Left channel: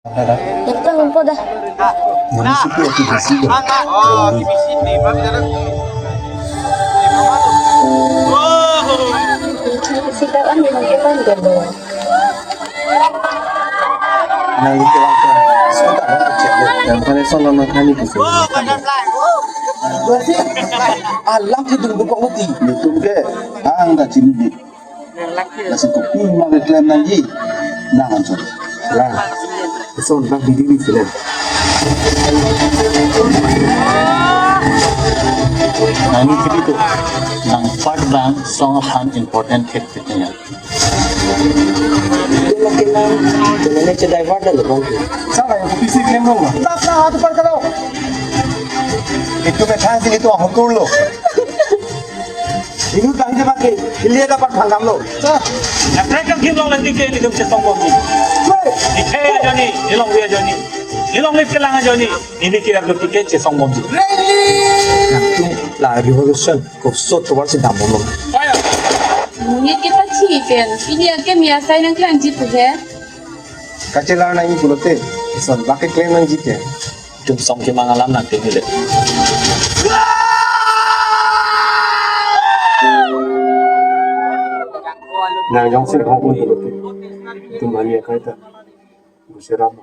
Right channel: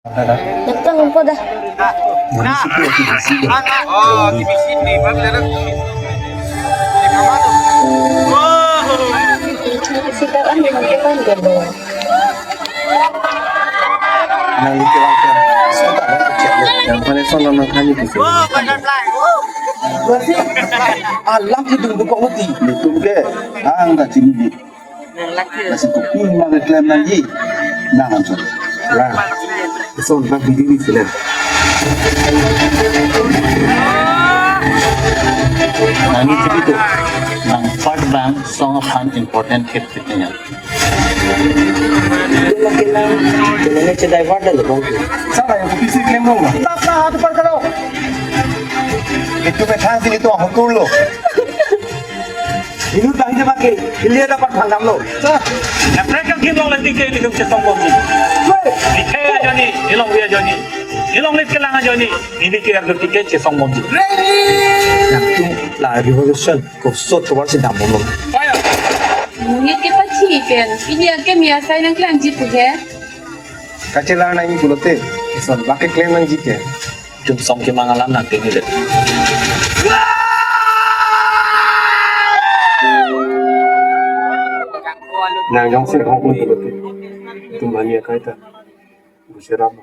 Ito mo dah. Nah, oh, di sini bang, lihat. Di mana? Oh, Sekarang gimana gitu? Nalito lang siya. Suka ko sa check. Pareso naman kami kasi. oh, butterfly. Alam itong bukong nati. Ito ke. Ang kacindi. Kasi kung yung mag-reclaim na di, nahan siya. Lah. So, nagbibili sila. Nani dito ang pag-band song of an important hit niya. Ito makinang. Ito siya divert na lubang. Sana yung busy claim mo. Tapa, ato pa ka daw. Ito may chance ito ang hukulo. Minut lang siya bakit. Hindi dapat panggam lo. Sa? Ya mereka kita nanti ke hidup sesama ni. Ni kaya jadi, ilong dia jadi. Ilong ni kailangan jadi. Ini kaya ketika sesama ni. La revolution ko so tuwar si damo lo. Ni kita chicken. Ini aja biasa yang kalian jitu ke? Kacila na ini bulote. So, bakit claim ng jike? Itu song ke mangalam nanti ni deh. Na yung sin ko bulote. Ito maniya kahit. Masirama.